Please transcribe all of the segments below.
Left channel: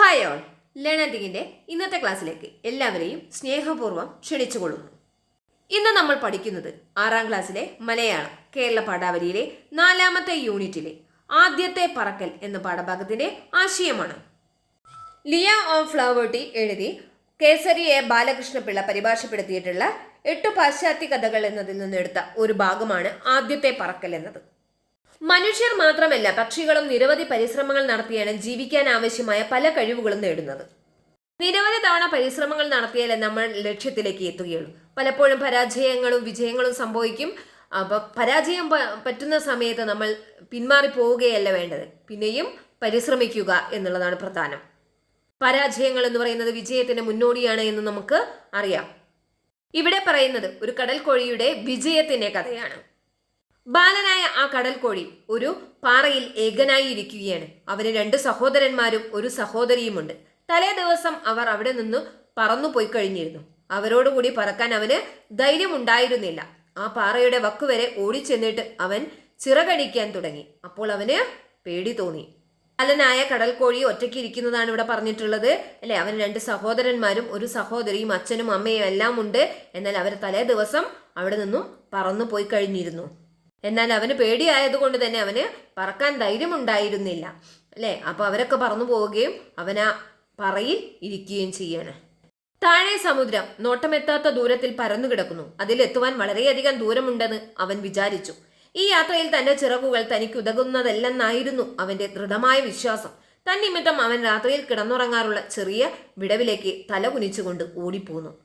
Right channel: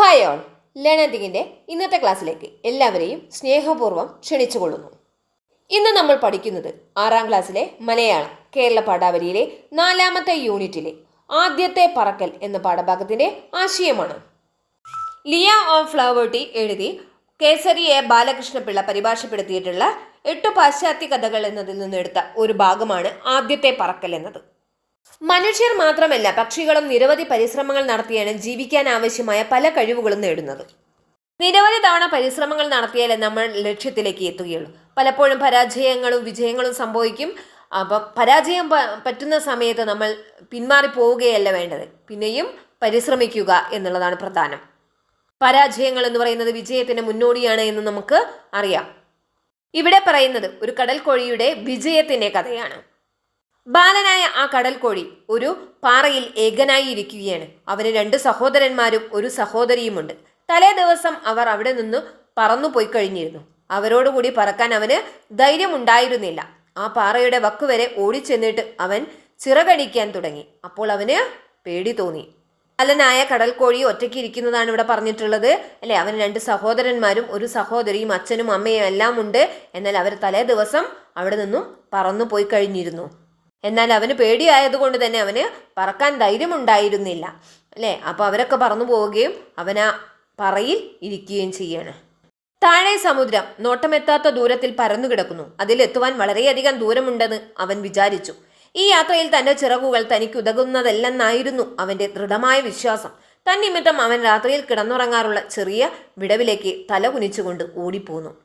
Hi all ലേണേഴ്സിങ്ങിന്റെ ഇന്നത്തെ ക്ലാസ്സിലേക്ക് എല്ലാവരെയും സ്നേഹപൂർവം ക്ഷണിച്ചുകൊള്ളുന്നു. ഇന്ന് നമ്മൾ പഠിക്കുന്നത് ആറാം ക്ലാസ്സിലെ മലയാളം കേരള പാഠാവലിയിലെ നാലാമത്തെ യൂണിറ്റിലെ ആദ്യത്തെ പറക്കൽ എന്ന പാഠഭാഗത്തിന്റെ ആശയമാണ്. ലിയ ഓഫ് ഫ്ലവേർട്ടി എഴുതി കേസരി എ ബാലകൃഷ്ണപിള്ള പരിഭാഷപ്പെടുത്തിയിട്ടുള്ള എട്ടു പാശ്ചാത്യ കഥകൾ എന്നതിൽ നിന്നെടുത്ത ഒരു ഭാഗമാണ് ആദ്യത്തെ പറക്കൽ എന്നത്. മനുഷ്യർ മാത്രമല്ല പക്ഷികളും നിരവധി പരിശ്രമങ്ങൾ നടത്തിയാണ് ജീവിക്കാൻ ആവശ്യമായ പല കഴിവുകളും നേടുന്നത്. നിരവധി തവണ പരിശ്രമങ്ങൾ നടത്തിയാലേ നമ്മൾ ലക്ഷ്യത്തിലേക്ക് എത്തുകയുള്ളൂ. പലപ്പോഴും പരാജയങ്ങളും വിജയങ്ങളും സംഭവിക്കും. അപ്പം പരാജയം പറ്റുന്ന സമയത്ത് നമ്മൾ പിന്മാറി പോവുകയല്ല വേണ്ടത്. പിന്നെയും പരിശ്രമിക്കുക എന്നുള്ളതാണ് പ്രധാനം. പരാജയങ്ങൾ എന്ന് പറയുന്നത് വിജയത്തിന് മുന്നോടിയാണ് എന്ന് നമുക്ക് അറിയാം. ഇവിടെ പറയുന്നത് ഒരു കടൽ കടൽക്കോഴിയുടെ വിജയത്തിന്റെ കഥയാണ്. ബാലനായ ആ കടൽക്കോഴി ഒരു പാറയിൽ ഏകനായി ഇരിക്കുകയാണ്. അവന് രണ്ട് സഹോദരന്മാരും ഒരു സഹോദരിയുമുണ്ട്. തലേ ദിവസം അവർ അവിടെ നിന്ന് പറന്നു പോയി കഴിഞ്ഞിരുന്നു. അവരോടുകൂടി പറക്കാൻ അവന് ധൈര്യമുണ്ടായിരുന്നില്ല. ആ പാറയുടെ വക്കുവരെ ഓടിച്ചെന്നിട്ട് അവൻ ചിറകടിക്കാൻ തുടങ്ങി. അപ്പോൾ അവന് പേടി തോന്നി. ബാലനായ കടൽക്കോഴി ഒറ്റയ്ക്ക് ഇരിക്കുന്നതാണ് ഇവിടെ പറഞ്ഞിട്ടുള്ളത്. അല്ലെ? അവന് രണ്ട് സഹോദരന്മാരും ഒരു സഹോദരിയും അച്ഛനും അമ്മയും എല്ലാം ഉണ്ട് എന്നാൽ അവർ തലേ ദിവസം അവിടെ നിന്നും പറന്നു പോയി കഴിഞ്ഞിരുന്നു. എന്നാൽ അവന് പേടിയായതുകൊണ്ട് തന്നെ അവന് പറക്കാൻ ധൈര്യമുണ്ടായിരുന്നില്ല. അല്ലേ? അപ്പോൾ അവരൊക്കെ പറന്നു പോവുകയും അവൻ ആ പറയിൽ ഇരിക്കുകയും ചെയ്യാണ്. താഴെ സമുദ്രം നോട്ടമെത്താത്ത ദൂരത്തിൽ പരന്നു കിടക്കുന്നു. അതിലെത്തുവാൻ വളരെയധികം ദൂരമുണ്ടെന്ന് അവൻ വിചാരിച്ചു. ഈ യാത്രയിൽ തന്റെ ചിറകുകൾ തനിക്ക് ഉതകുന്നതല്ലെന്നായിരുന്നു അവന്റെ ദൃഢമായ വിശ്വാസം. തന്നിമിത്തം അവൻ രാത്രിയിൽ കിടന്നുറങ്ങാറുള്ള ചെറിയ വിടവിലേക്ക് തല കുനിച്ചുകൊണ്ട് ഓടിപ്പോന്നു.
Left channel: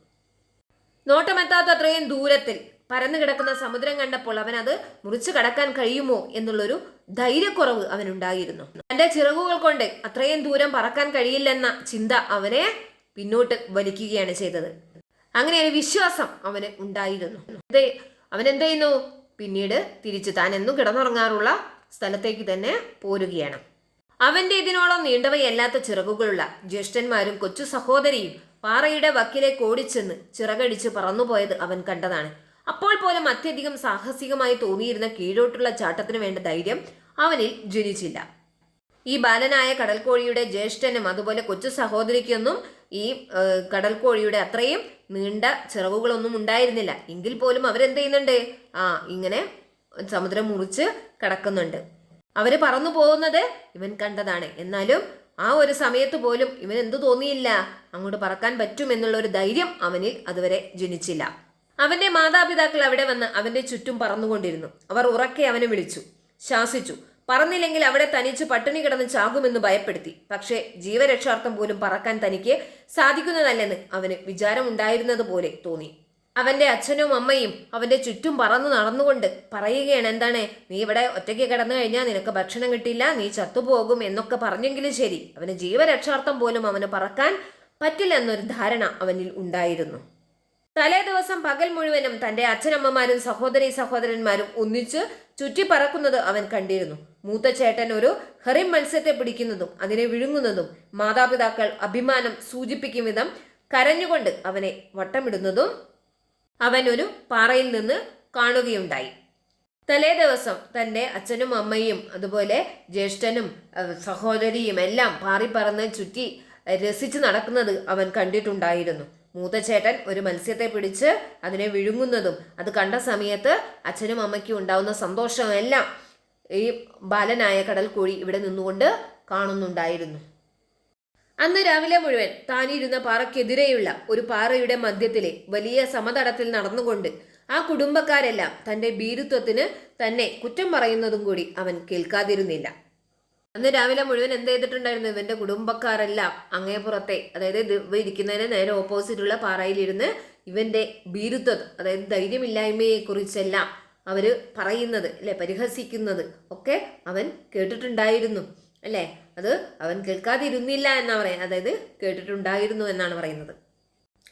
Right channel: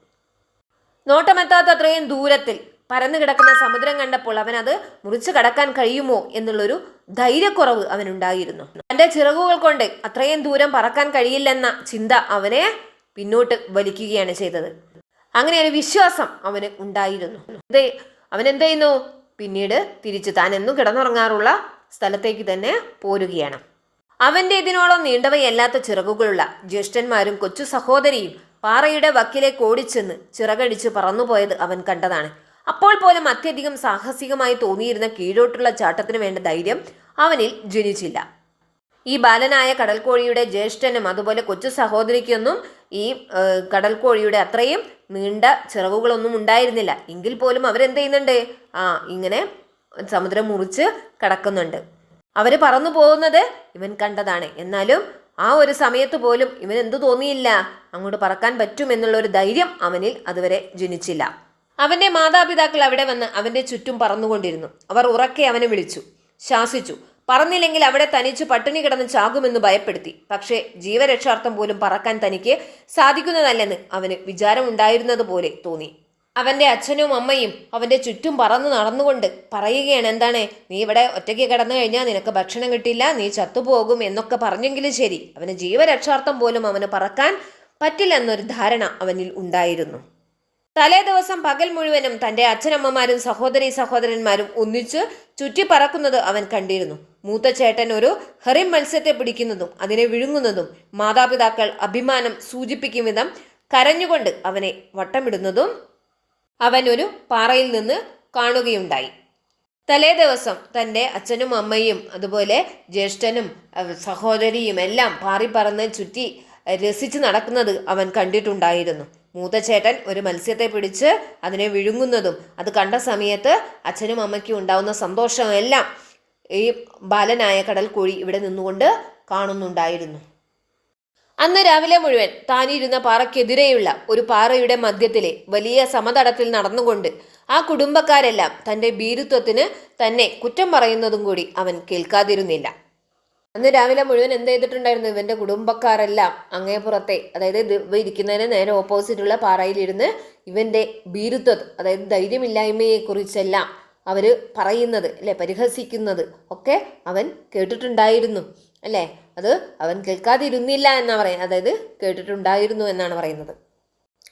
നോട്ടമെത്താത്ത അത്രയും ദൂരത്തിൽ പരന്നു കിടക്കുന്ന സമുദ്രം കണ്ടപ്പോൾ അവൻ അത് മുറിച്ചു കടക്കാൻ കഴിയുമോ എന്നുള്ളൊരു ധൈര്യക്കുറവ് അവനുണ്ടായിരുന്നു. തന്റെ ചിറകുകൾ കൊണ്ട് അത്രയും ദൂരം പറക്കാൻ കഴിയില്ലെന്ന ചിന്ത അവനെ പിന്നോട്ട് വലിക്കുകയാണ് ചെയ്തത്. അങ്ങനെ ഒരു വിശ്വാസം അവന് ഉണ്ടായിരുന്നു. അവൻ എന്ത് ചെയ്യുന്നു? പിന്നീട് തിരിച്ചു താൻ എന്നും കിടന്നുറങ്ങാറുള്ള സ്ഥലത്തേക്ക് തന്നെ പോരുകയാണ്. അവന്റെ ഇതിനോളം നീണ്ടവയല്ലാത്ത ചിറകുകളുള്ള ജ്യേഷ്ഠന്മാരും കൊച്ചു സഹോദരിയും പാറയുടെ വക്കിലേക്ക് ഓടിച്ചെന്ന് ചിറകടിച്ച് പറന്നുപോയത് അവൻ കണ്ടതാണ്. അപ്പോൾ പോലും അത്യധികം സാഹസികമായി തോന്നിയിരുന്ന കീഴോട്ടുള്ള ചാട്ടത്തിന് വേണ്ട ധൈര്യം അവനിൽ ജനിച്ചില്ല. ഈ ബാലനായ കടൽക്കോഴിയുടെ ജ്യേഷ്ഠനും അതുപോലെ കൊച്ചു സഹോദരിക്കൊന്നും ഈ കടൽക്കോഴിയുടെ അത്രയും നീണ്ട ചിറവുകളൊന്നും ഉണ്ടായിരുന്നില്ല. എങ്കിൽ പോലും അവരെന്ത് ചെയ്യുന്നുണ്ട്? ആ ഇങ്ങനെ സമുദ്രം മുറിച്ച് കടക്കുന്നുണ്ട്. അവർ പറന്നു പോകുന്നത് ഇവൻ കണ്ടതാണ്. എന്നാലും ആ ഒരു സമയത്ത് പോലും ഇവൻ എന്തു തോന്നിയില്ല? അങ്ങോട്ട് പറക്കാൻ പറ്റുമെന്നുള്ള ഒരു ധൈര്യം അവനിൽ അതുവരെ ജനിച്ചില്ല. അവന്റെ മാതാപിതാക്കൾ അവിടെ വന്ന് അവന്റെ ചുറ്റും പറന്നുകൊണ്ടിരുന്നു. അവർ ഉറക്കെ അവനെ വിളിച്ചു. ശാസിച്ചു. പറന്നില്ലെങ്കിൽ അവിടെ തനിച്ച് പട്ടിണി കിടന്ന് ചാകുമെന്ന് ഭയപ്പെടുത്തി. പക്ഷേ ജീവരക്ഷാർത്ഥം പോലും പറക്കാൻ തനിക്ക് സാധിക്കുന്നതല്ലെന്ന് അവന് വിചാരമുണ്ടായിരുന്നത് പോലെ തോന്നി. അവന്റെ അച്ഛനും അമ്മയും അവന്റെ ചുറ്റും പറന്നു നടന്നുകൊണ്ട് പറയുകയാണ് എന്താണ്? നീ ഇവിടെ ഒറ്റയ്ക്ക് കിടന്നു കഴിഞ്ഞാൽ നിനക്ക് ഭക്ഷണം കിട്ടില്ല നീ ചത്തുപോകും എന്നൊക്കെ പറഞ്ഞെങ്കിലും ശരി. അവന് ജീവരക്ഷാർത്ഥം പോലും അവന് പറക്കാൻ പറ്റില്ലെന്നൊരു ധാരണ അവനിൽ ഉണ്ടായിരുന്നു. തലേ ദിവസം പകൽ മുഴുവനും തന്റെ അച്ഛനമ്മമാരും സഹോദരി സഹോദരന്മാരും ഒന്നിച്ച് ചുറ്റിപ്പറക്കുന്നത് അവൻ കണ്ടിരുന്നു. മൂത്ത ചേട്ടൻ ഒരു ഹെറി മത്സ്യത്തെ പിടിക്കുന്നതും അതിനെ വിഴുങ്ങുന്നതും മാതാപിതാക്കൾ അഭിമാനം സൂചിപ്പിക്കും വിധം കരഞ്ഞുകൊണ്ട് അവനെ വട്ടമിടുന്നതും അവൻ ഒരു പാറയിൽ നിന്ന് കാണുകയുണ്ടായി. തലേ ദിവസം തന്റെ അച്ഛനും അമ്മയും അതുപോലെ ജ്യേഷ്ഠനും സഹോദരിയും എല്ലാം പാറി പറന്ന് ചുറ്റി രസിച്ച് നടക്കുന്നത് അവൻ കണ്ടിട്ടുണ്ടായിരുന്നു. മൂത്ത ചേട്ടൻ ഒരു മത്സ്യത്തെ പിടിച്ച് അതിനെ വിഴുങ്ങുന്നതും അത് കണ്ട സമയത്ത് അച്ഛനും അമ്മയ്ക്കും ഉണ്ടാവുന്ന സന്തോഷമെല്ലാം ഈ ബാലനായ കടൽ കോഴി ഇവിടെ നിന്നുകൊണ്ട് കാണുന്നുണ്ടായിരുന്നു. അന്ന് രാവിലെ മുഴുവൻ താനിരുന്ന പാറയ്ക്കെതിരെയുള്ള ഒരു പാറയുടെ മധ്യത്തിലെ വലിയ സമതടത്തിൽ നടന്നുകൊണ്ട് ആ കുടുംബക്കാരെല്ലാം തന്റെ ഭീരുത്വത്തിന് തന്നെ കുറ്റം പറയുന്നതും കൂടി അവൻ കേൾക്കാതിരുന്നില്ല. അന്ന് രാവിലെ മുഴുവൻ എന്ത് ചെയ്തിട്ടുണ്ടായിരുന്നു? ഇവന്റെ കുടുംബക്കാരെല്ലാം അങ്ങേപ്പുറത്തെ അതായത് ഇരിക്കുന്നതിന് നേരെ ഓപ്പോസിറ്റുള്ള പാറയിലിരുന്ന് ഇവന്റെ ഭീരുത്വം അതായത് ധൈര്യമില്ലായ്മയെ കുറിച്ചെല്ലാം അവർ പറയുന്നത് അല്ലെ? പരിഹസിക്കുന്നത് ഒക്കെ അവൻ കേട്ടിട്ടുണ്ടായിരുന്നു അല്ലേ? അത് അവൻ കേൾക്കാതിരുന്നില്ല എന്നാ പറയുന്നത് അതായത് കേട്ടിട്ടുണ്ടായിരുന്നു എന്നാണ് പറയുന്നത്.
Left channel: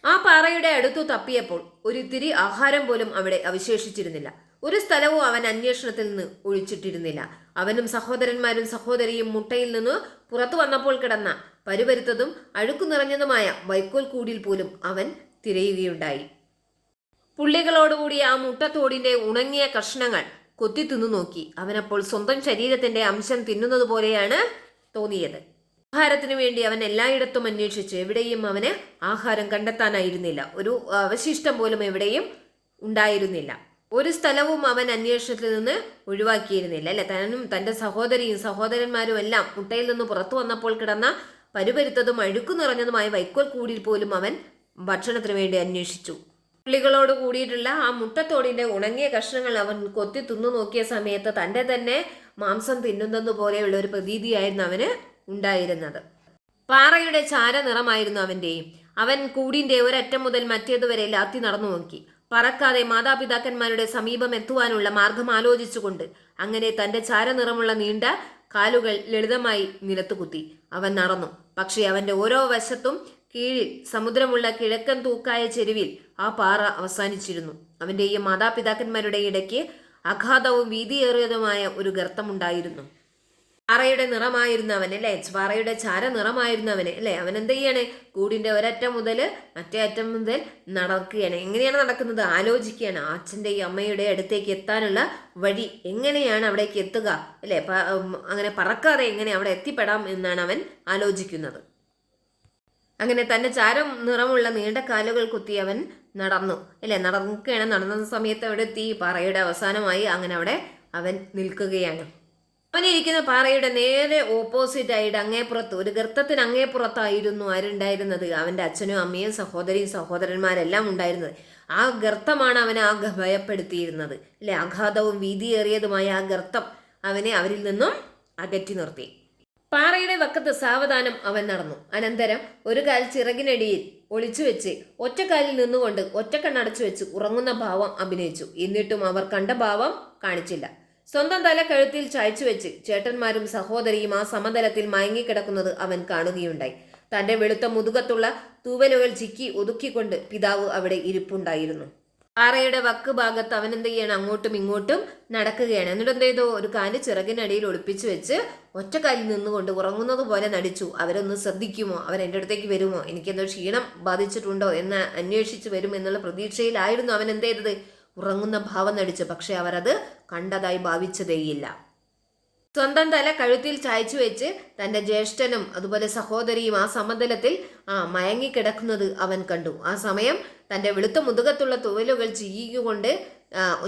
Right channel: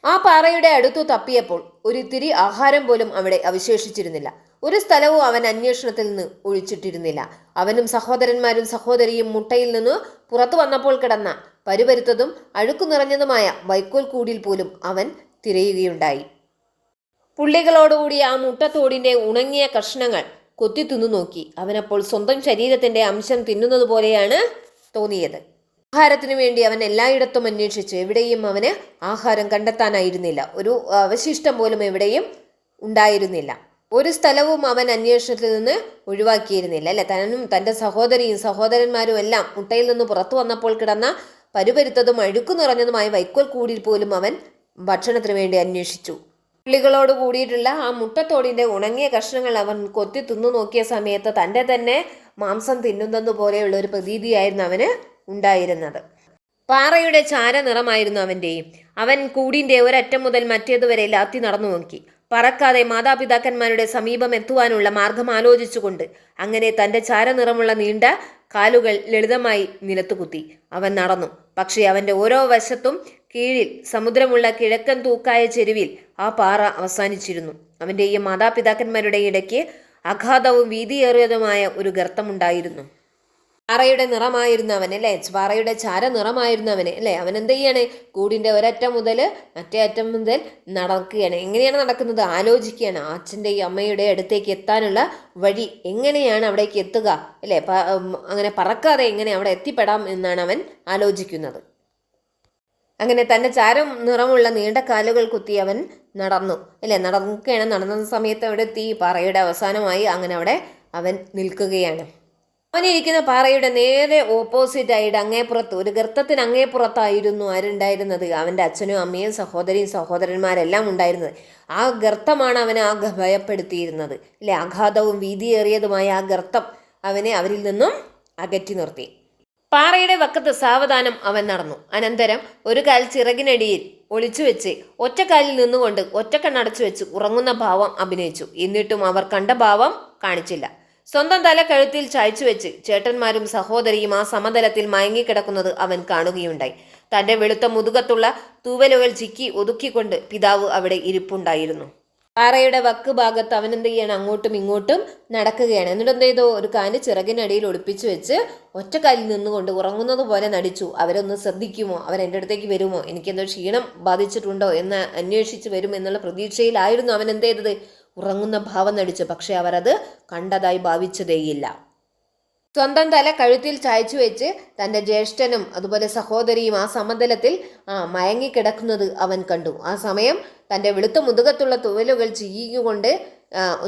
ആ പാറയുടെ അടുത്തു തപ്പിയപ്പോൾ ഒരിത്തിരി ആഹാരം പോലും അവിടെ അവശേഷിച്ചിരുന്നില്ല. ഒരു സ്ഥലവും അവൻ അന്വേഷണത്തിൽ നിന്ന് ഒഴിച്ചിട്ടിരുന്നില്ല. അവനും സഹോദരന്മാരും സഹോദരിയും മുട്ടയിൽ നിന്ന് പുറത്തു വന്നപ്പോൾ കിടന്ന പരുപരുത്തതും അഴുക്കു നിറഞ്ഞതുമായ വൈക്കോൽ കൂടിൽ പോലും അവൻ തിരയുകയുണ്ടായി. പുള്ളികളോടുകൂടി ആ മുട്ടത്തോടിന്റെ ഉണങ്ങിയ കഷ്ണങ്ങൾ കൊത്തി തിന്നു നോക്കി. അവനപ്പോൾ സ്വന്തം ശരീരത്തിന്റെ അംശം തിന്നുന്നത് പോലെയാണ് തോന്നിയത്. ആഹാരത്തിനു വേണ്ടി അവൻ എല്ലായിടത്തും അന്വേഷിച്ചു. എവിടെയും അവന് ആഹാരം കണ്ടെത്താനായിരുന്നില്ല. ഒരു അവശിഷ്ടം പോലും എവിടെയും ഉണ്ടായിരുന്നില്ല. ഒരു സ്ഥലവും അവൻ അന്വേഷണത്തിൽ നിന്ന് ഒഴിവാക്കിയിരുന്നില്ല അല്ലെ? തനും തന്റെ സഹോദരിയും സഹോദരന്മാരും എല്ലാം മുട്ടയിൽ നിന്ന് പുറത്തു വന്നപ്പോൾ കിടന്ന പരുപരുത്തതും അഴുക്കു നിറഞ്ഞതുമായ വൈക്കോൽ കൂടിയിൽ പോലും അവൻ ഭക്ഷണത്തിന് വേണ്ടി അന്വേഷിച്ചു. പുള്ളികളോട് കൂടിയിട്ടുള്ള ആ മുട്ടത്തോടിന്റെ ഉണങ്ങിയ കഷ്ണങ്ങൾ അവൻ കൊത്തി തിന്നു നോക്കിയ സമയത്ത് തന്റെ തന്നെ മാംസം തിന്നുന്നത് പോലെയുള്ള ഒരു പ്രതീതിയായിരുന്നു അവന് ഉണ്ടായിരുന്നത്. പാറയുടെ ചാര നിറമായിരുന്നു അവന്റെയും. അവൻ കൂടിന്റെ ഒരറ്റം മുതൽ മറ്റേതുവരെ ലാത്തി നടന്നു നോക്കി. പറക്കാതെ മാതാപിതാക്കന്മാരുടെ സമീപം എത്തുവാനുള്ള മാർഗം ആലോചിച്ചുകൊണ്ട് അങ്ങനെ തന്റെ ചാരനിറമുള്ള നീണ്ട കാലുകൾ ലളിതമായി നിലത്തുകുത്തി. അവൻ നടന്നു. പക്ഷേ അവന്റെ ഓരോ വശത്തും കീഴിൽ സമുദ്രമുള്ള കിഴക്കൻ തൂക്കായ ചെരുവിൽ ആ പാറ അവസാനിച്ചിരുന്നു. അവന്റെയും മാതാപിതാക്കന്മാരുടെ ഇടയ്ക്ക് അഗാധവും വീതിയേറിയതുമായ ഒരു ഗർത്തമുണ്ടായിരുന്നു പാറയുടെ നിറമായിരുന്നു അവൻ അല്ലേ? പാറയുടെ ചാര നിറമായിരുന്നു അവന് അല്ലേ? അവൻ എന്ത് ചെയ്യാണ്? കൂടിന്റെ ഒരറ്റം മുതൽ മറ്റേ അറ്റം മുതൽ നടക്കുകയാണ്. എങ്ങനെയാണ് നടക്കുന്നത്? ആലോചിക്കുകയാണ്. അച്ഛന്റെയും അമ്മയുടെ അടുത്തേക്ക് എത്താനുള്ള വഴി എങ്ങനെയാണ് അവിടേക്ക് എത്തുക അല്ലേ? അങ്ങനെ പറക്കാതെ എങ്ങനെ അവിടെ എത്തിപ്പെടാം എന്നാണ് അവൻ ആലോചിക്കുന്നത്. അങ്ങനെ തന്റെ ചാരം നിറമുള്ള നീണ്ട കാലുകൾ കുത്തി അവൻ നടന്നു അല്ലേ? നടക്കുകയാണ്. നടന്ന സമയത്ത് അവിടെ എത്തി പാറയുടെ അവസാനമായി അങ്ങനെ അവിടെ അവൻ നിൽക്കുകയാണ്. അവനിരിക്കുന്ന പാറയുടെ നേരെ ഓപ്പോസിറ്റ് ആയിട്ട് അങ്ങേപ്പുറത്ത് ഒരു ഗർത്തത്തിന് അങ്ങേപ്പുറത്തായിരുന്നു ആരുണ്ടായിരുന്നത്. അവന്റെ അച്ഛനും അമ്മയും സഹോദരിയും സഹോദരന്മാരെല്ലാം ഉണ്ടായിരുന്നത്. ആ ഗർത്തമാണ് അവനെ ആ ഭയപ്പെടുത്തിയിരുന്നത്. അല്ലെ? ആഘാതവും വീതിയേറിയതുമായ ആ ഗർത്തം അവനെ അവരിൽ നിന്നും അകറ്റി നിർത്തി. പാറയുടെ വക്കത്ത് സാവധാനം അവൻ നടന്നു. അനന്തരം ഒരു കാൽ ചിറകിനടിയിൽ ഒളിച്ചു വെച്ച് ഒറ്റക്കാലിൽ നിന്നുകൊണ്ട് ഒറ്റക്കണ്ണടച്ചു വെച്ച് ഉറങ്ങുന്ന ഭാവം അഭിനയിച്ചു. എന്നിട്ടും അവർ കണ്ട ഭാവം കാണിച്ചില്ല. സ്വന്തം തല കഴുത്തിൽ ചായച്ചു വെച്ച് ചേട്ടന്മാരും സഹോദരിയും ആ സമതലത്തിൽ മയങ്ങിക്കിടക്കുന്നത് അവൻ കാണുകയുണ്ടായി. തന്റെ വെളുത്ത മുതുകത്തുള്ള തൂവലുകൾ ചിക്കി ഒതുക്കിക്കൊണ്ട് പിതാവ് അവിടെ ഇരിപ്പുണ്ടായിരുന്നു. പാറയുടെ വക്ക് ഭാഗത്ത് അവൻ എന്ത് ചെയ്യണം? അങ്ങോട്ടും ഇങ്ങോട്ടും നടക്കുകയാണ്. എന്നിട്ട് എന്ത് ചെയ്തു? ഒരു കാൽ ചിറകിനടിയിൽ ഒളിപ്പിച്ചു വെച്ച് ഒറ്റക്കാലിൽ നിന്നുകൊണ്ട് ഉറങ്ങുന്നത് പോലെ നടിച്ചു. അവരൊന്ന് ശ്രദ്ധിക്കുമോ? എന്റെ അടുത്തേക്ക് വരുമോ? എനിക്കെന്തോ ക്ഷീണം ബാധിച്ചിട്ടുണ്ടോ എന്ന് അന്വേഷിച്ച് വരും എന്നുള്ള പ്രതീക്ഷയിലായിരുന്നു അവൻ എന്ത് ചെയ്തത്? ഉറങ്ങുന്ന ഭാവം നടിച്ചു. പക്ഷെ അവരത് കണ്ടതായി ഭാവിച്ചതേയില്ല. സ്വന്തം തല കഴുത്തിൽ ചായച്ചു വെച്ച് തന്റെ ജ്യേഷ്ഠനും അതുപോലെ സഹോദരിയും ആ സമതലത്തിൽ ആ മയങ്ങിക്കിടക്കുന്നത് അവൻ കണ്ടു. ആ സമയം തന്റെ വെളുത്ത മുതുകത്തുള്ള തുവലുകൾ ചിയ്യുകൊണ്ട്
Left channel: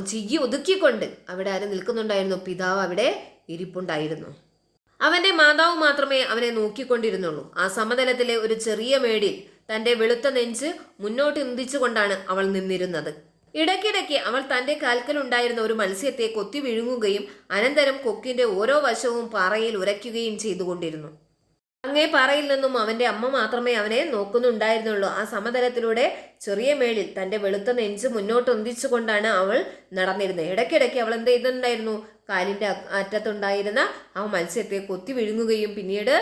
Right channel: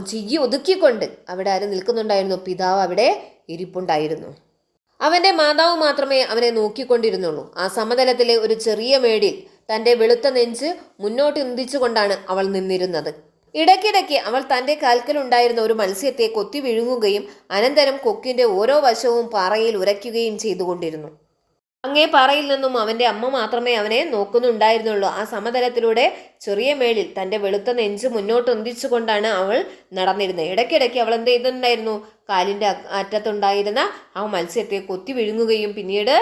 ചീകി ഒതുക്കിക്കൊണ്ട് അവിടെ ആരും നിൽക്കുന്നുണ്ടായിരുന്നു? പിതാവ് അവിടെ ഇരിപ്പുണ്ടായിരുന്നു. അവന്റെ മാതാവ് മാത്രമേ അവനെ നോക്കിക്കൊണ്ടിരുന്നുള്ളൂ. ആ സമതലത്തിലെ ഒരു ചെറിയ മേടിൽ തന്റെ വെളുത്ത നെഞ്ച് മുന്നോട്ട് ഇന്തിച്ചുകൊണ്ടാണ് അവൾ നിന്നിരുന്നത്. ഇടയ്ക്കിടയ്ക്ക് അവൾ തന്റെ കാൽക്കലുണ്ടായിരുന്ന ഒരു മത്സ്യത്തെ കൊത്തി വിഴുങ്ങുകയും അനന്തരം കൊക്കിന്റെ ഓരോ വശവും പാറയിൽ ഉരയ്ക്കുകയും ചെയ്തുകൊണ്ടിരുന്നു. അങ്ങേ പാറയിൽ നിന്നും അവന്റെ അമ്മ മാത്രമേ അവനെ നോക്കുന്നുണ്ടായിരുന്നുള്ളൂ. ആ സമതലത്തിലൂടെ ചെറിയ മേളിൽ തന്റെ വെളുത്ത നെഞ്ച് മുന്നോട്ട് ഒന്നിച്ചുകൊണ്ടാണ് അവൾ നടന്നിരുന്നത്. ഇടയ്ക്കിടയ്ക്ക് അവൾ എന്ത് ചെയ്തിട്ടുണ്ടായിരുന്നു? കാലിന്റെ അറ്റത്തുണ്ടായിരുന്ന ആ മത്സ്യത്തെ കൊത്തി വിഴുങ്ങുകയും പിന്നീട്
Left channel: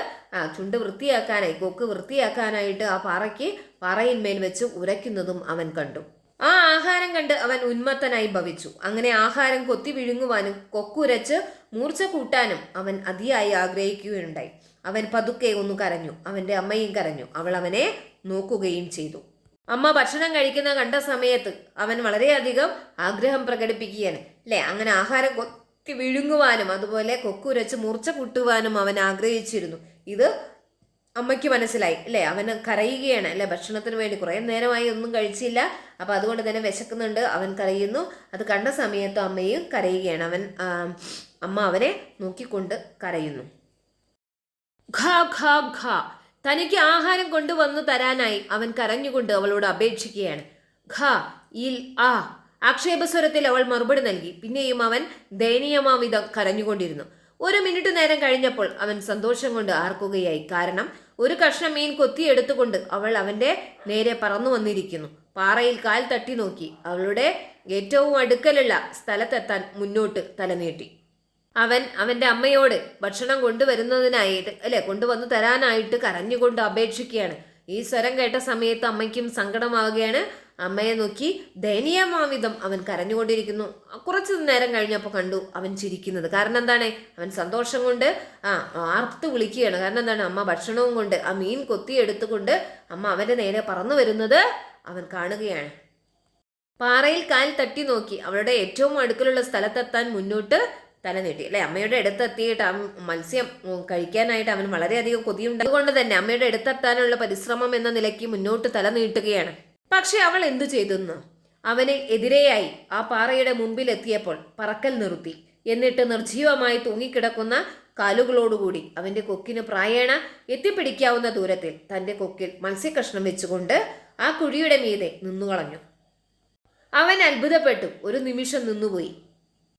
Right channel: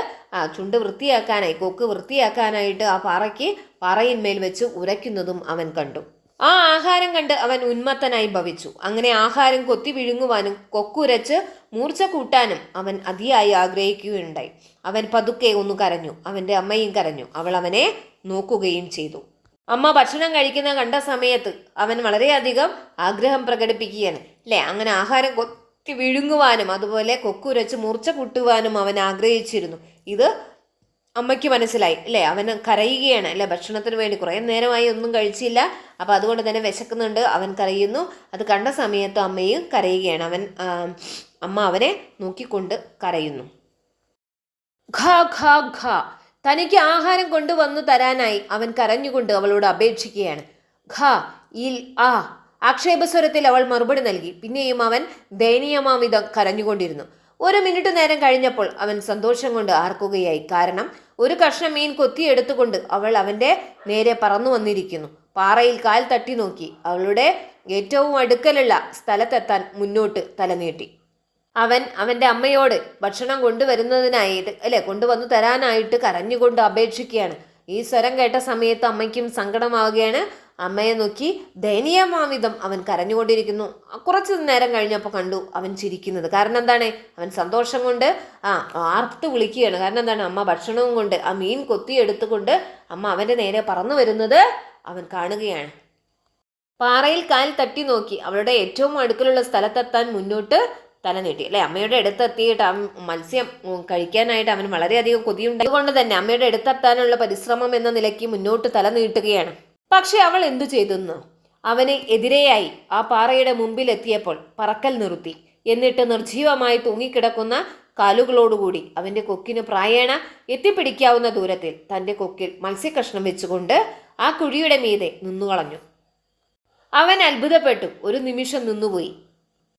ചുണ്ട് വൃത്തിയാക്കാനായി കൊക്ക് വൃത്തിയാക്കാനായിട്ട് ആ പാറയ്ക്ക് പാറയിന്മേൽ വെച്ച് ഉരയ്ക്കുന്നതും അവൻ കണ്ടു. ആ ആഹാരം കണ്ട് അവൻ ഉന്മത്തനായി ഭവിച്ചു. അങ്ങനെ ആഹാരം കൊത്തി വിഴുങ്ങുവാനും കൊക്കുരച്ച് മൂർച്ച കൂട്ടാനും അവൻ അതിയായി ആഗ്രഹിക്കുകയുണ്ടായി. അവൻ പതുക്കെ ഒന്ന് കരഞ്ഞു. അവന്റെ അമ്മയും കരഞ്ഞു. അവൾ അവനെ നോക്കുകയും ചെയ്തു. അമ്മ ഭക്ഷണം കഴിക്കുന്ന കണ്ട സമയത്ത് അവൻ വളരെയധികം ആഗ്രഹം പ്രകടിപ്പിക്കുകയാണ്. അല്ലേ? അങ്ങനെ ആഹാരം കൊത്തി വിഴുങ്ങുവാനും അതുപോലെ കൊക്കുരച്ച് മൂർച്ച കൂട്ടുവാനും അവൻ ആഗ്രഹിച്ചിരുന്നു. ഇത് അമ്മയ്ക്ക് മനസ്സിലായി അല്ലേ? അവൻ കരയുകയാണ് അല്ലേ? ഭക്ഷണത്തിന് വേണ്ടി കുറേ നേരമായി ഒന്നും കഴിച്ചില്ല. അപ്പോൾ അതുകൊണ്ട് തന്നെ വിശക്കുന്നുണ്ട് അവൻ കരയുന്നു. അത് കണ്ട സമയത്ത് അമ്മയും കരയുകയാണ്. അവൻ അമ്മ അവനെ നോക്കിക്കൊണ്ട് കരയുന്നു. ഖ ഖ ഖ. തനിക്ക് ആഹാരം കൊണ്ടുവന്നു തരാനായി അവൻ കരഞ്ഞുകൊണ്ട് അവളോട് അപേക്ഷിക്കുകയാണ്. ഖ ഇൽ ആ. ആക്ഷേപസ്വരത്തിൽ അവൾ മറുപടി നൽകി. പിന്നെയും അവൻ ദയനീയമാവിധം കരഞ്ഞുകൊണ്ടിരുന്നു. ഒരു മിനിറ്റ് നേരം കഴിഞ്ഞപ്പോൾ അവൻ സന്തോഷം കൊണ്ട് ആർക്കുകയായി. കാരണം ഒരു കഷ്ണം മീൻ കൊത്തിയെടുത്തുകൊണ്ട് അവൾ അവന്റെ നേരെ പറന്നു വന്നിരിക്കുന്നു. പാറയിൽ കാൽ തട്ടി നോക്കി. അവളുടെ ഏറ്റവും അടുക്കലുള്ള സ്ഥലത്തെത്താൻ മുന്നോട്ട് തലനീട്ടി. അവൻ അവന്റെ അമ്മയോട് ഭക്ഷണം കൊണ്ടുവരുന്നതിനായിട്ട് അല്ലെ കൊണ്ടുവന്നു തരാനായിട്ട് കരഞ്ഞുകൊണ്ട് അപേക്ഷിക്കുകയാണ്. ഈ സ്വരം കേട്ട സമയത്ത് അമ്മയ്ക്കും സങ്കടമാവുകയാണ്. അമ്മയെ നോക്കി ദയനീയമാവിധം അവൻ കരഞ്ഞുകൊണ്ടിരിക്കുന്നു. കുറച്ച് നേരം കഴിഞ്ഞപ്പോൾ കണ്ടു അവൻ ചിരിക്കുന്നത്. കാരണം എന്താണ്? അവൻ സന്തോഷം കൊണ്ട് ആ ആർത്ത് വിളിക്കുകയാണ്. കാരണം എന്താണ്? അമ്മ ഭക്ഷണവും കൊണ്ട് ആ മീൻ കൊത്തി എടുത്തുകൊണ്ട് അമ്മ അവന്റെ നേരെ പറന്നു വരുന്നത് അവൻ കാണുകയാണ്. പാറയിൽ കാൽ തട്ടി നോക്കി. അവളുടെ ഏറ്റവും അടുക്കലുള്ള സ്ഥലത്തെത്താൻ മുന്നോട്ട് തല നീട്ടി. അല്ലെ? അമ്മയുടെ അടുത്തെത്തിയിട്ട് മത്സ്യം കഴിക്കാനായിട്ട് അവൻ വളരെയധികം കൊതിയുണ്ട്. അതുകൊണ്ട് തന്നെ അമ്മയുടെ അടുത്തെത്താനുള്ള പരിശ്രമം എന്ന നിലയ്ക്ക് മുന്നോട്ട് തല നീട്ടുകയാണ്. പക്ഷെ അവൾ എന്തു ചെയ്തെന്ന്? അവന് എതിരെയായി ആ പാറയുടെ മുമ്പിലെത്തിയപ്പോൾ പറക്കൽ നിർത്തി. എന്നിട്ട് നിർജീവമായി തൂങ്ങിക്കിടക്കുന്ന കാലുകളോടുകൂടി അവന്റെ കൊക്കിന് പ്രായേണ എത്തിപ്പിടിക്കാവുന്ന ദൂരത്തിൽ തന്റെ കൊക്കിൽ മത്സ്യകഷ്ണം വെച്ചുകൊണ്ട് ആ കുഴിയുടെ മീതെ നിന്നുകളഞ്ഞു. അവൻ അത്ഭുതപ്പെട്ടു. ഒരു നിമിഷം നിന്നുപോയി.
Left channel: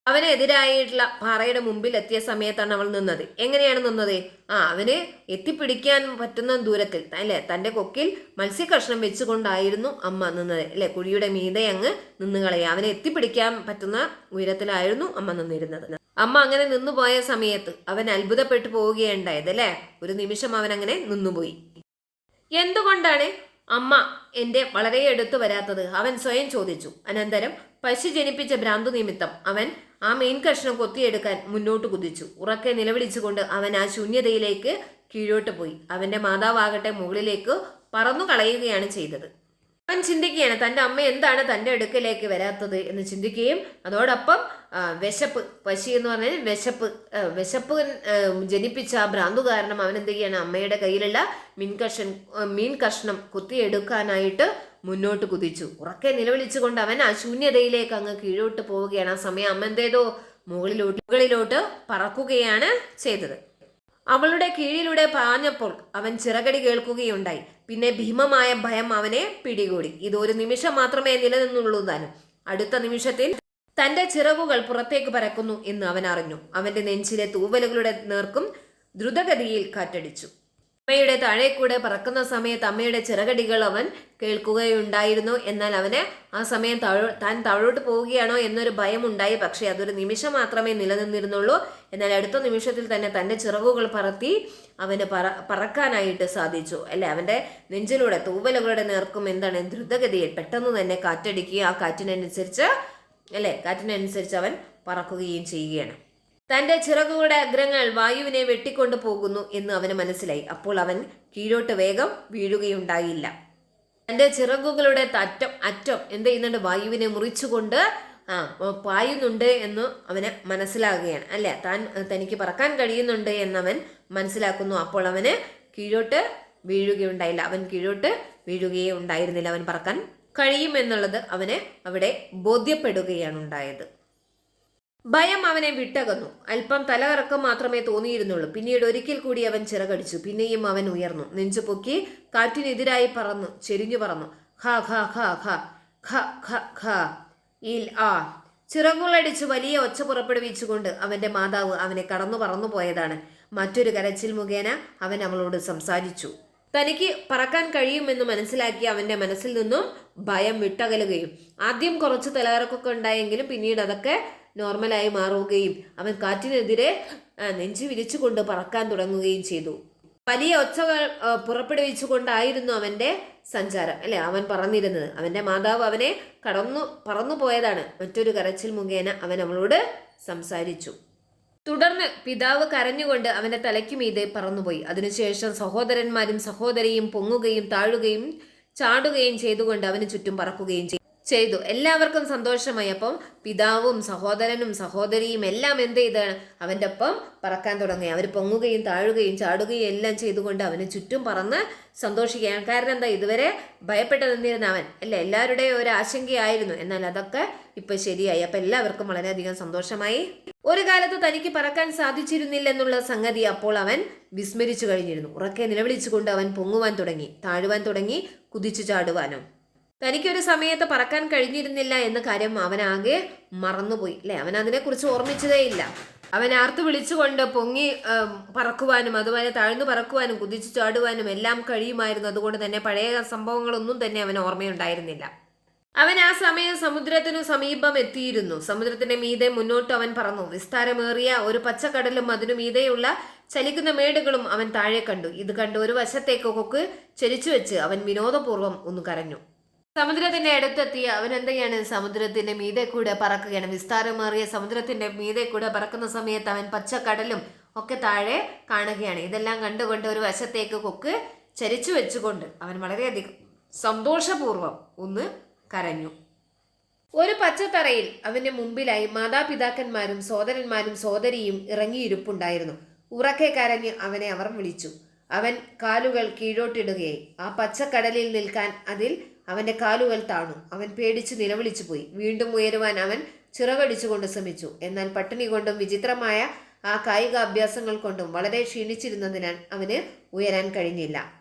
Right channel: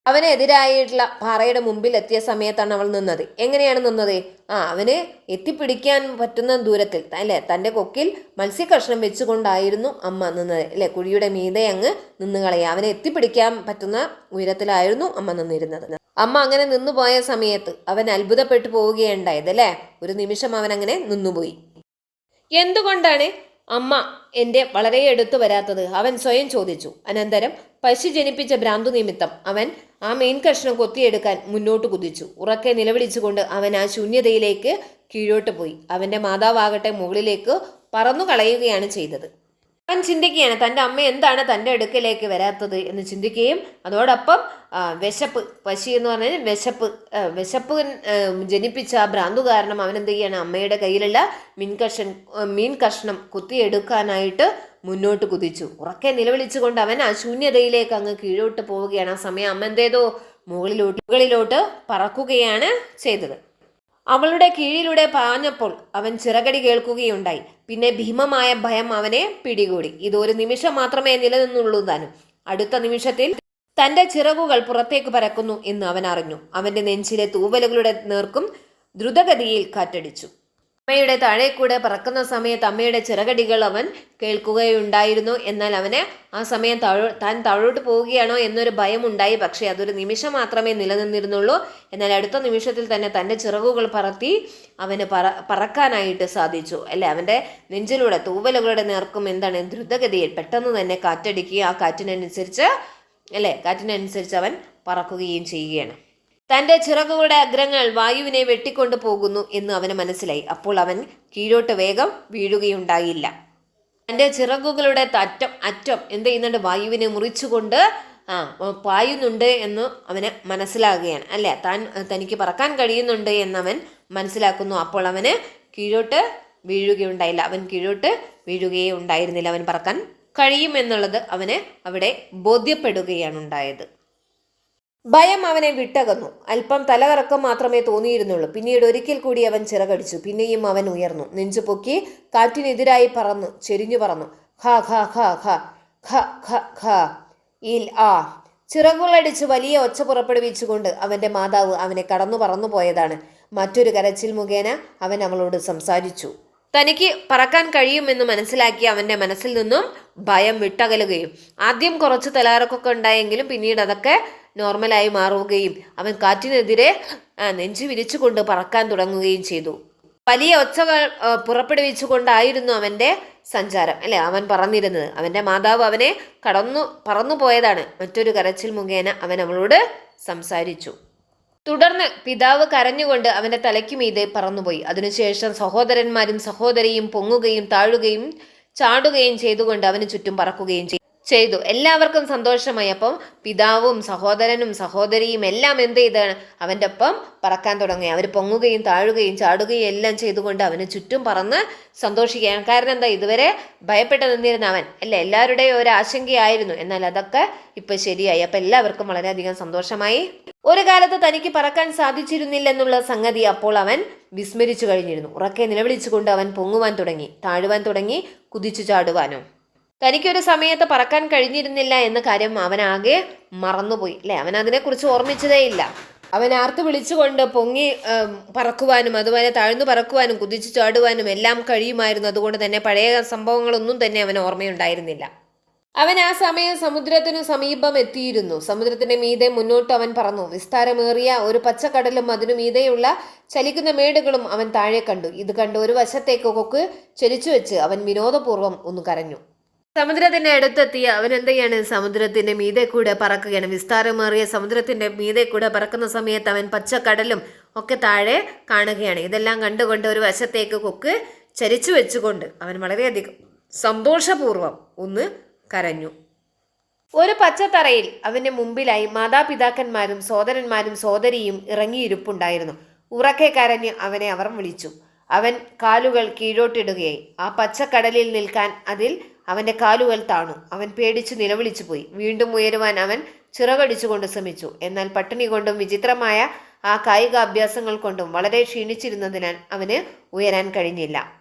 അവനെതിരായിട്ടുള്ള പാറയുടെ മുമ്പിൽ എത്തിയ സമയത്താണ് അവൾ നിന്നത്. എങ്ങനെയാണ് നിന്നത്? ആ അവന് എത്തിപ്പിടിക്കാൻ പറ്റുന്ന ദൂരത്തിൽ അല്ലേ? തന്റെ കൊക്കിൽ മത്സ്യകഷ്ണം വെച്ചുകൊണ്ടായിരുന്നു അമ്മ നിന്നത് അല്ലെ? കുഴിയുടെ മീതെ അങ്ങ് നിന്ന് കളയുക. അവനെ എത്തിപ്പിടിക്കാൻ പറ്റുന്ന ഉയരത്തിലായിരുന്നു അമ്മ നിന്നിരുന്നത്. അമ്മ അങ്ങനെ നിന്നുപോയ സമയത്ത് അവൻ അത്ഭുതപ്പെട്ടു പോവുകയുണ്ടായത് അല്ലേ? ഒരു നിമിഷം അവൻ അങ്ങനെ നിന്നുപോയി. എന്തുകൊണ്ടാണ് അമ്മ എന്റെ വളരെ എടുത്തു വരാത്തത്? അവൻ സ്വയം ചോദിച്ചു. അനന്തരം പശു ജനിപ്പിച്ച ഭ്രാന്തു നിമിത്തം അവൻ ആ മീൻ കഷ്ണം കൊത്തിയെടുക്കാൻ മുന്നോട്ട് കുതിച്ചു. ഉറക്കെ നിലവിളിച്ചുകൊണ്ട് അവൻ ആ ശൂന്യതയിലേക്ക് കീഴോട്ട് പോയി. അവന്റെ മാതാവാകട്ടെ മുകളിലേക്ക് പറന്നു കളയുകയാണ് ചെയ്തത്. അവൻ ചിന്തിക്കുകയാണ് തന്റെ അമ്മ എന്താണ് തന്റെ അടുക്കലേക്ക് വരാത്തത്? എന്ന് ചിന്തിക്കുകയും അതോടൊപ്പം വിശപ്പ് പശു എന്ന് പറഞ്ഞാൽ വിശപ്പ് വിശപ്പ് ജനിപ്പിച്ച ആ ഭ്രാന്തു കാരണം അവൻ എന്ത് ചെയ്യാണ്? അമ്മയുടെ കയ്യിലുള്ള മീൻ കഷ്ണം മീൻ കഷ്ണം കുത്തിയെടുക്കാനായിട്ട് മുന്നോട്ട് കുതിച്ചു. ഉറക്കെ നിലവിളിച്ചുകൊണ്ട് അവൻ ആ ശൂന്യതയിലേക്ക് അങ്ങ് കീഴോട്ട് പോവുകയാണ്. ആ സമയം അമ്മ എന്തേതോ മുകളിലോട്ട് മുകളിലോട്ട് പറക്കുകയാണ് ചെയ്തത്. അവളുടെ കീഴിലൂടെ പാഞ്ഞപ്പോൾ അവൻ ചിറകടി കേൾക്കുകയുണ്ടായി. പിന്നെ ഭീമമായ ഭയം അവനെ പിടികൂടി. ഇത് ഒരു നിമിഷം മാത്രമേ നിലനിന്നുള്ളൂ താനും. അടുത്ത നിമിഷത്തിൽ തന്റെ ചിറകുകൾ പുറത്തേക്ക് പരക്കുന്നു എന്ന് അവൻ അറിഞ്ഞു. അവന്റെ നെഞ്ചിലെ തൂവലുകളുടെ നേർക്കും ദ്രുതഗതിയിൽ കാറ്റടിച്ചു. അമ്മയുടെ താഴെ കൂടെ പറക്കുന്ന സമയത്ത് അമ്മയുടെ ചിറകടികൾ അവൻ കേൾക്കുകയുണ്ടായിരുന്നു. എന്നാൽ അവന് ആ സമയം താഴോ താൻ താഴോട്ട് പോവുകയാണോ എന്നൊരു ഭയം ഉണ്ടായി പക്ഷേ അതൊരു നിമിഷം മാത്രമേ നിലനിന്നിരുന്നുള്ളൂ. എന്നാൽ അടുത്ത നിമിഷത്തിൽ തന്നെ തന്റെ ചിറകുകൾ പറത്തി അവന് പറ പറക്കാനായിട്ട് സാധിച്ചു. അല്ലെ? അവന്റെ നെഞ്ചിലൂടെ തൂവലുകളുടെ നേർക്കും എന്താണ് ദ്രുതഗതിയിൽ പെട്ടെന്ന് തന്നെ കാറ്റടിക്കുകയും ആ കാറ്റിനനുസരിച്ച് അല്ലേ? കാറ്റിനനുസരിച്ച് അവൻ പറക്കുകയും ചെയ്യുകയാണ്. തന്റെ ചിറകുകളുടെ അഗ്രങ്ങൾ വായുവിനെ വെട്ടിക്കൊണ്ടു പോകുന്നു എന്ന് അവന് മനസ്സിലായി. അപ്പോൾ അവൻ കീഴോട്ട് വേഗം വീഴുകയുണ്ടായില്ല. തന്റെ ചിറകുകളുടെ തറ്റം അറ്റം എന്ത് ചെയ്യുന്നുണ്ട്? വായുവിനെ മുറിച്ചുകൊണ്ട് ആ പായുന്നുണ്ട് എന്ന് അവന് മനസ്സിലാകുകയാണ്. അല്ലെ? താൻ തനിക്ക് പറക്കാൻ കഴിയുന്നുണ്ട് എന്നവൻ മനസ്സിലാക്കുന്നു. അപ്പോൾ അവന് കീഴോട്ട് വീഴുകയുണ്ടായില്ല. അവൻ കീഴോട്ട് വീഴുകയേ ഉണ്ടായിരുന്നില്ല. അവൻ പറക്കാൻ കഴിയുമെന്നുള്ളത് അവന് അവിടെ ബോധ്യപ്പെടുകയാണ് ഉണ്ടായത്. ഭയം അവനെ വിട്ടകന്നു. അല്പം തലകറക്കം മാത്രമേ തോന്നിയിരുന്നുള്ളൂ. പിന്നീട് ഒരിക്കൽ കൂടി അവൻ ചിറകടിച്ചു. പിന്നെയും അവൻ ഉയർന്നു. നെഞ്ചു പൊക്കി കാറ്റിനെതിരായി പറന്നു. ചെരിഞ്ഞു പറന്നു. ഖ ഖ ഖ ഖ ഖ ഖ ഖ ഇൽ ആ. ചിറകുകളടിച്ച് വലിയ ഒച്ച പുറപ്പെടുവിച്ചുകൊണ്ട് അവന്റെ മാതാവ് അവനെ കടന്നു പറന്നു പോയതാണ്. മറ്റൊരു കരച്ചിൽ മുഖേന അവൻ അവളോട് സംസാരിച്ചു. തനിക്ക് പറക്കാൻ കഴിയുമെന്ന് മനസ്സിലാക്കി അവന്റെ മനസ്സിൽ നിന്നും ഭയം വിട്ടകലുകയും ആദ്യം കുറച്ച് തലകറക്കൊക്കെ ഉണ്ടായെങ്കിലും പിന്നീട് അതൊക്കെ നോർമലായി മാറുകയും അവൻ കാറ്റിനെതിരെ നെഞ്ചു വിരിച്ചുകൊണ്ട് പറക്കാൻ തുടങ്ങുകയും ചെയ്തു. വലിയ ഒച്ചകൾ പുറപ്പെടുവിച്ചുകൊണ്ടായിരുന്നു അവന്റെ സഞ്ചാരം. അല്ലെ? അവൻ പറഞ്ഞിരുന്നത്. അവന്റെ മാതാവ് അവനെ കടന്നു പറന്നു പോയതാണ്. മറ്റൊരു കരച്ചിൽ മുഖേന അവൻ അവളോട് സംസാരിച്ചു. തുടർന്ന് പിതാവ് കരഞ്ഞുകൊണ്ട് അവന്റെ തലയ്ക്ക് മീതെ പറന്നുപോയി. അതിനുശേഷം സഹോദരന്മാരും സഹോദരിയും പൊങ്ങുകയും താഴുകയും ചാടുകയും ചെയ്തുകൊണ്ട് അവന് ചുറ്റും പറക്കുകയും ചെയ്തു. ചെയ്തു. എല്ലാവർക്കും സന്തോഷമായി. അപ്പം പിതാവും സഹോദരനും സഹോദരിയും എല്ലാം എന്ത് ചെയ്താണ്? അവന്റെ ഒപ്പം പറക്കാൻ തുടങ്ങി. അവർ പൊങ്ങുകയും താഴുകയും ചാടുകയും എല്ലാം ചെയ്തുകൊണ്ട് അവന് ചുറ്റും പറന്ന് സന്തോഷിക്കുകയാണ്. കാരണം എന്താ? ഇതുവരെ ഭയപ്പെട്ട് നിന്നിരുന്ന അവൻ. അല്ലേ? എല്ലാവരുടെയും ഒരു ആശങ്കയായിരുന്നു. എന്നാൽ അതൊക്കെ ഇപ്പം ശരിയായി. അപ്പം എല്ലാവർക്കും വളരെയധികം സന്തോഷമായി. ഒരു കാലത്ത് തനിക്ക് പറക്കാൻ സാധിച്ചിരുന്നില്ലെന്നുള്ള സംഗതി അപ്പോൾ അവൻ വിസ്മരിച്ചു കഴിഞ്ഞിരുന്നു. ഉറക്കെ നിലവിളിച്ചുകൊണ്ട് അവൻ പൊങ്ങുവാൻ തുടങ്ങി താഴുവാൻ തുടങ്ങി കുതിച്ചു ചാടുവാനും. തനിക്കൊരു സമയത്ത് പറക്കാൻ കഴിഞ്ഞിരുന്നില്ല എന്ന കാര്യം അവനാകെ മറന്നുപോയി അല്ലേ? അവൻ അതിനെക്കുറിച്ച് ഓർമ്മിച്ചതേയില്ല അവൻ ആർത്ത് വിളിച്ചുകൊണ്ട് പൊങ്ങി പറക്കുവാനും അതുപോലെ താഴ്ന്നു പറക്കുവാനും കുതിച്ചു ചാടുവാനും എല്ലാം കഴിയുമായിരുന്നു. അതുകൊണ്ട് തന്നെ പഴയ സംഭവങ്ങളൊന്നും തന്നെ അവൻ ഓർമ്മയുണ്ടായിരുന്നില്ല. അവൻ ആ സമയം സമുദ്രത്തിനു സമീപം എത്തിയിരുന്നു. സമുദ്രത്തിന്റെ മീതെ മുന്നോട്ട് അവൻ പറന്നു. വിസ്താരമേറിയ ഒരു പച്ചക്കടലും അതിനു മീതെയുള്ള ചലിക്കുന്ന മേടുകളും അവൻ താഴെ കണ്ടു. ഇത് കണ്ട് ഒരു വശത്തേക്ക് കൊക്ക് ചലിച്ചു വെച്ച് അവൻ വിനോദപൂർവം ഒന്ന് കരഞ്ഞു. സമുദ്രത്തിന്റെ അടുത്തെത്തിയ അവൻ എന്ത് ചെയ്യാണ് സമുദ്രത്തിന്റെ മീതെ കൂടെ പറക്കുകയാണ്. വിസ്താരമേറിയ സമുദ്രത്തിന്റെ മീതെ കൂടെ പറക്കുന്ന സമയത്ത് അവൻ പച്ചക്കടലും ഒക്കെ താഴെ കാണുകയാണ്. ഇതെല്ലാം കണ്ടുകൊണ്ട് ഒരു വശത്തേക്ക് കൊക്ക് ചരിച്ചു വെച്ചുകൊണ്ട് അവൻ വളരെയധികം സന്തോഷപൂർവം ഒന്ന് കരഞ്ഞു. ഒരു പച്ചത്തറയിൽ അവന്റെ മുമ്പിലായി മാതാപിതാക്കന്മാരും സോദരന്മാരും സോദരിയും ഇറങ്ങിയിരുപ്പുണ്ടായിരുന്നു. ഉറക്കെ കരഞ്ഞ് അവനെ അവർ വിളിച്ചു. അവൻ കാലുകൾ കീഴോട്ടിടുകയായി. ആ പച്ചക്കടലിൽ നിൽക്കാൻ അതിൽ അവന്റെ കാലുകൾ താണു. അവൻ പേടിച്ച് നിലവിളിച്ചു പോയി. വീണ്ടും ഉയരുവാൻ അവൻ ചിറകടിച്ചുകൊണ്ട് ശ്രമിച്ചു. എന്നാൽ പട്ടിണി കൊണ്ടും വിചിത്രമായ ആ കായിക അഭ്യാസങ്ങൾ കൊണ്ടും വളരെ ക്ഷീണിച്ചിരുന്നതിനാൽ അവന് ഉയരാൻ കഴിഞ്ഞില്ല.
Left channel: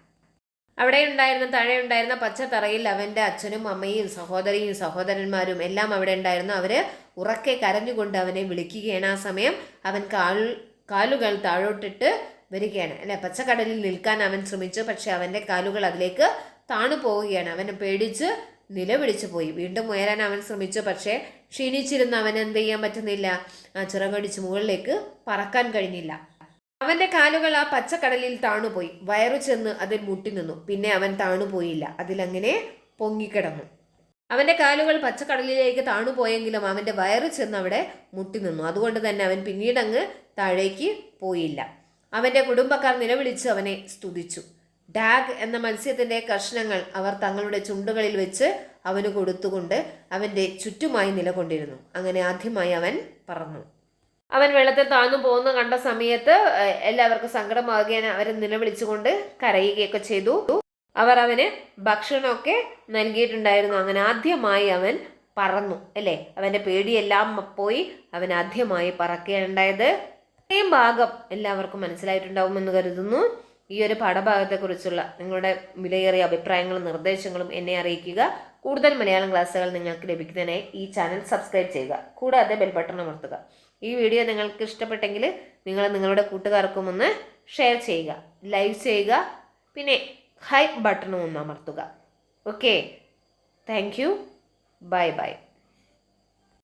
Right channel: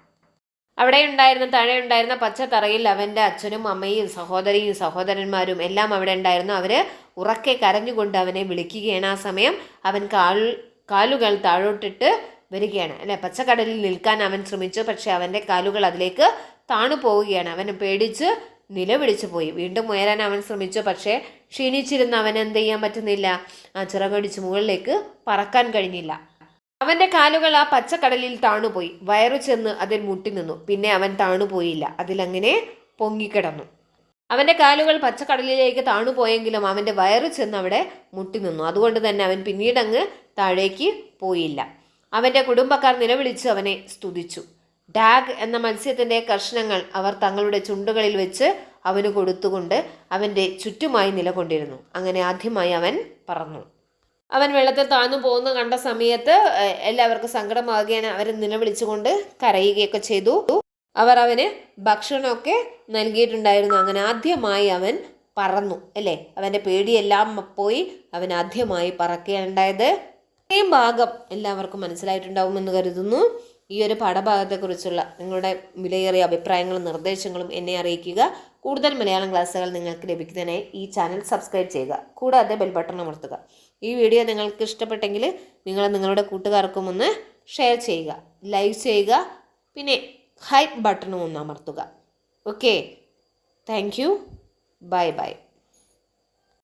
അവിടെ ഉണ്ടായിരുന്ന താഴെ ഉണ്ടായിരുന്ന പച്ചത്തറയിൽ അവന്റെ അച്ഛനും അമ്മയും സഹോദരിയും സഹോദരന്മാരും എല്ലാം അവിടെ ഉണ്ടായിരുന്നു. അവർ ഉറക്കെ കരഞ്ഞുകൊണ്ട് അവനെ വിളിക്കുകയാണ്. ആ സമയം അവൻ കാൽ കാലുകൾ താഴോട്ടിട്ട് വരികയാണ്. അല്ലെ പച്ചക്കടലിൽ നിൽക്കാൻ അവൻ ശ്രമിച്ചു. പക്ഷെ അവന്റെ കാലുകൾ അതിലേക്ക് താണു പോവുകയാണ്. അവൻ പേടിച്ച് നിലവിളിച്ചു പോയി. വീണ്ടും ഉയരാൻ അവൻ ശ്രമിച്ചു. പക്ഷേ ക്ഷീണിച്ചിരുന്ന. അവൻ എന്ത് ചെയ്യാൻ പറ്റുന്നില്ല. ആ ചിറകടിച്ച് മുകളിലേക്ക് പറക്കാൻ കഴിഞ്ഞില്ല. അവന്റെ കാലുകൾ ആ പച്ചക്കടലിൽ താണുപോയി വയറു ചെന്ന് അതിൽ മുട്ടി നിന്നു. പിന്നെ അവൻ താണുപോയില്ല അതിലങ്ങനെ പൊങ്ങിക്കിടന്നു. അവന്റെ കാലുകൾ പച്ചക്കടലിലേക്ക് താണുപോയെങ്കിലും അവന്റെ വയറു ചെന്ന് അവിടെ മുട്ടി നിന്നു. അതുകൊണ്ട് തന്നെ അവൻ പിന്നീടങ്ങ് താഴേക്ക് പോയില്ല. അവന്റെ കുടുംബക്കാർ നിലവിളിച്ച് അവനെ സ്തുതിച്ചു. ഡാഗ് എന്ന മത്സ്യത്തിന്റെ കഷ്ണങ്ങൾ അവർ തങ്ങളുടെ ചുണ്ടുകളിൽ വെച്ച് അവന് കൊടുത്തുകൊണ്ട് അവന്റെ ചുറ്റുമായി നിലകൊണ്ടിരുന്നു. അങ്ങനെ ആദ്യമായി അവൻ പറഞ്ഞു അവൻ വെള്ളത്തിൽ താഴ്ന്നു പോകുന്ന കണ്ട സമയത്ത് എല്ലാവർക്കും സങ്കടമാകുകയാണ് അവർ നിലവിളിച്ചുകൊണ്ട് കരയുകയൊക്കെ ചെയ്തു. അവർ അവന് ഭക്ഷണമൊക്കെ നൽകിയിട്ടുണ്ടായിരുന്നു. അങ്ങനെ ആദ്യമായി അവൻ പറന്നു അല്ലേ? അവന്റെ പേടിയെല്ലാം പോയി അവൻ ആദ്യമായി പറക്കുകയുണ്ടായത് ഇത്രയും ഭാഗം എല്ലാവർക്കും മനസ്സിലായിട്ടുണ്ടാവുമെന്ന് കരുതുന്നു. ഈ ഒരു പാഠഭാഗത്തെക്കുറിച്ചുള്ള നിങ്ങളുടെ വിലയേറിയ അഭിപ്രായങ്ങളും നിർദ്ദേശങ്ങളും എന്നെ അറിയിക്കുക. കൂടുതൽ മലയാളം ക്ലാസ്സുകൾ നിങ്ങൾക്ക് ലഭിക്കുന്നതിനായി ഈ ചാനൽ സബ്സ്ക്രൈബ് ചെയ്യുക. കൂടാതെ ബെൽ ബട്ടൺ അമർത്തുക. ഈ വീഡിയോ നിങ്ങൾക്ക് ഇഷ്ടപ്പെട്ടെങ്കിൽ നിങ്ങൾ നിങ്ങളുടെ കൂട്ടുകാർക്കും ഒന്ന് ഷെയർ ചെയ്യുക ലൈക്ക് ചെയ്യുക പിന്നെ ഹൈപ്പ് ബട്ടണും ഒന്ന് അമർത്തുക. Okay thank you bye bye